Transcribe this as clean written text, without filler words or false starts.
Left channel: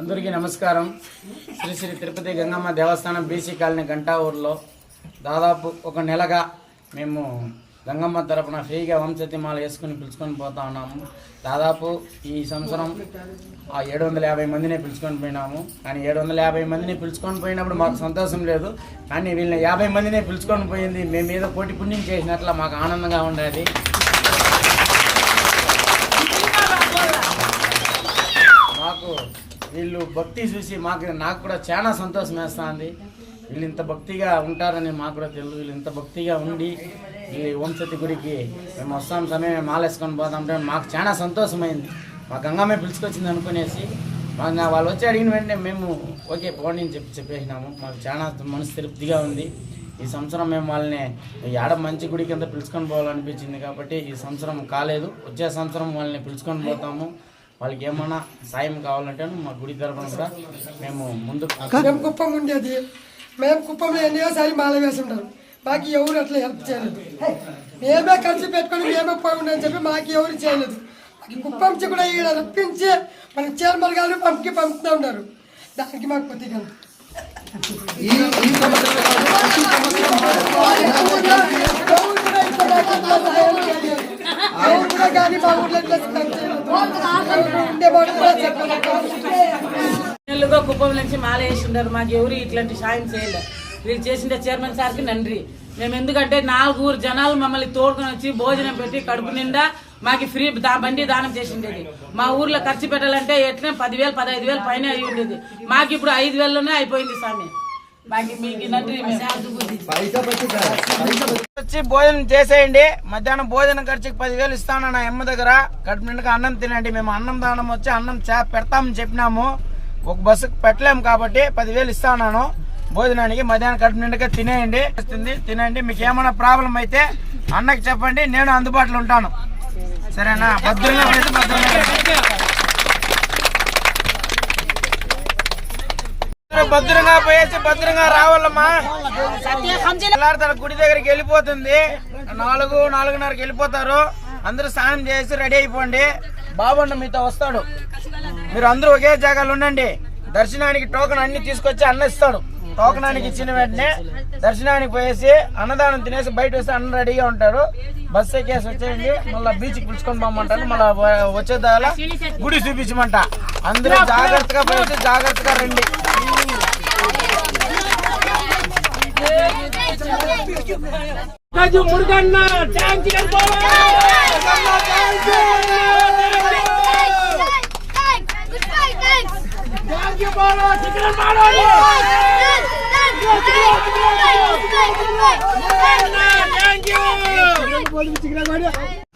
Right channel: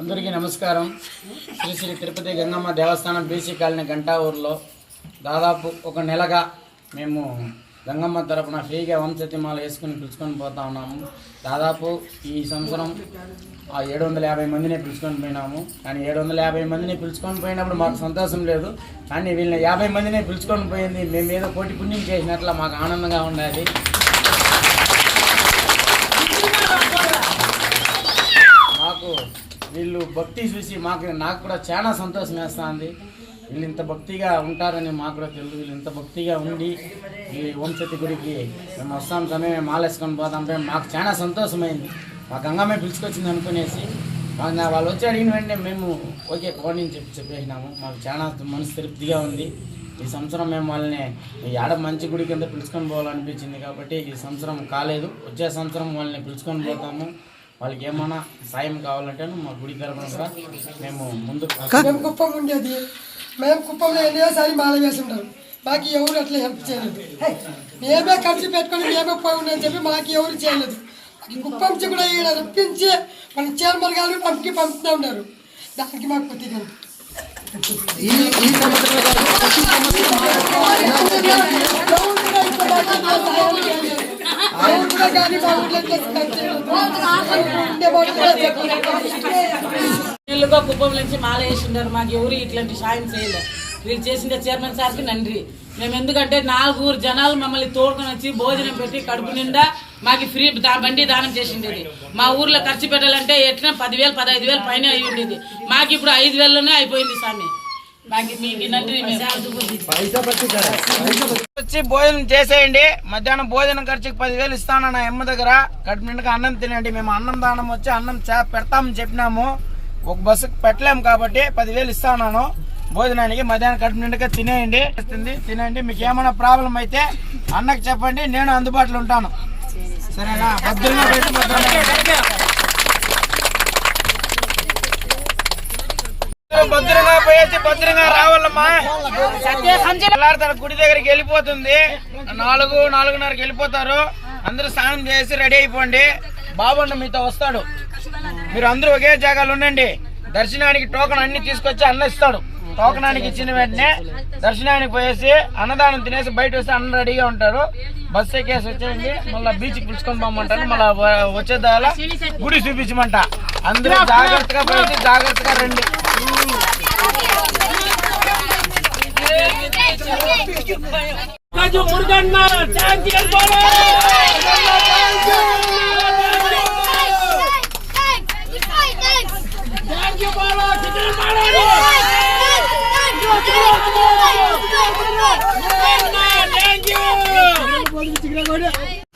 అందరికీ నమస్కారం. శ్రీ శ్రీ తిరుపతి గంగమ్మ దేవస్థానం BC colony Ganta ఊర్లో దాదాపు ఒక నెలగా మేము గంగమ్మ తరపున ఫ్రీగా వంశతిమాల వేసుకుని పిలుచుకొని పోతా ఉన్నాము. దాదాపు ఈ సంవత్సరం 750 మందిని పిలుచుకొని పోయినాము. కానీ 750 మందిని పిలుచుకొని పోయినప్పుడు మాకు సంతోషం లేదు. కానీ వీళ్ళని 50 మందిని పిలుచుకొని పోయింది మేము ఏదో కోటి పుణ్యం చేసినట్లు మాకు ఆనందంగా ఉండేది. మాకు వీళ్ళు భక్తి చూసి నాకు కూడా చాలా సంతోషం వేస్తుంది. వీళ్ళు ఇంత భక్తిగా ఉంటారని మాకు కూడా తెలుసు. వీళ్ళు ఇంత భక్తిగా ఉండి ఈ వంశతి గుడికి మేము వస్తాం సమయం మేము మాలేసుకొని పోతాంటే మాకు చాలా సంతోషమైంది. మా గంగమ్మ పిలుచుకొచ్చింది అనుకునేసి వాళ్ళు వచ్చి అడిగిన వెంటనే మేము ఓకే పోనీ చెప్పేసినాము. మాకు చాలా మనసు తృప్తిగా ఉంది. ఈ సంవత్సరం మేము వాళ్ళని ఏడ మంచి గుడి కింద పిలుచుకొని పోవాలనిపించింది కాబట్టి ఈ సంవత్సరం కాలేదు. వచ్చే సంవత్సరం వాళ్ళని పిలుచుకొని పోతాము. వాళ్ళకి ఏమైనా సాయం కావాలంటే మా గుడి తరఫున కూడా మేము ముందుకు కుప్పం ఉండేది. మేము కుప్పంలో ఎన్నోసారి మాల వేసుంటాం. మాకు ఎవరు అట్లా హెల్ప్ చేయలేదు. మేమే ఖర్చు పెట్టుకొని మేమే పోయిందని చెప్పి మాకు ఎవరు చేయలేదు. కుప్పం నుంచి కూడా ఈడ రప్పించి మన చైర్మన్ గారు పంపుతూ ఉన్నారు. దానికి మాకు కొద్దిగా నెల్లుగా కుప్పం నుంచి మాల వేసిండారు. మాకు ఎవరు ఇట్లాంటి సాయం చేయలేదు. వీళ్ళు చేసిన చైర్మన్ సార్కి నంది. మేము ఎందుకంటే 4 జనాలు మమ్మల్ని తోడుకొని వచ్చి భోజనం పెట్టి కడుపు నిండా మాకు ఫ్రీ బండి దానం చేసిండేది. మా ఊర్లో ఖర్చు పెట్టాలంటే ఎట్లా 10,000 15,000 పైన అయి ఉండేది. మాకు ఇప్పుడు 5,000లోనే అయిపోయింది స్వామి. మాకు మీకు నంది. వచ్చి భోజనం చేసేయండి. మధ్యాహ్నం భోజనం ఖర్చుకి 10,000 ఇస్తాను నా అమ్మ దగ్గర. కడుపు నిండుగా అన్నం తినండి. మేము అన్నం దానం వచ్చి అన్నం పెడతామని చెప్పినాము. ఒక బస్సుకు పెట్టలేము కాబట్టి 10,000 ఇస్తాను భోజనానికి. మధ్యాహ్నం కడుపు నిండుగా తినండి. మీకు ఏమైనా ప్రాబ్లం అయితే అన్నకి చెప్పండి, నేను అందుబాటులో ఉంటాను. సరేనా? భద్రంగా పోయేసి భద్రంగా రావాలమ్మా. తన గుడి దగ్గరికి వెళ్ళిపోతుంది. 4:30కి వెళ్ళిపోతారు. అందరూ స్నానం చేసి రెడీ అయిపోండి. బాబన్న మీతో వస్తాడు. మీరు అందరూ ఒకే జాగాలో ఉండండి. దర్శనానికి టోకెన్ అన్ని తీసుకొచ్చి అన్న ఇస్తాడు. టోకనానికి ఇచ్చిన వెంటనే దర్శనానికి పోయేసి అన్నదానం తినేసి బయట వస్తే అన్న రెడీగా ఉంటారు. బస్సు ఎక్కేసి వచ్చేయండి. మళ్ళీ బీచ్కి పిలుచుకొని పోమంటారు. మళ్ళీ వచ్చేదాల గుడి చూపించమంట. అందరూ జాగ్రత్తగా పోయేసి జాగ్రత్తగా రండి. Thank you.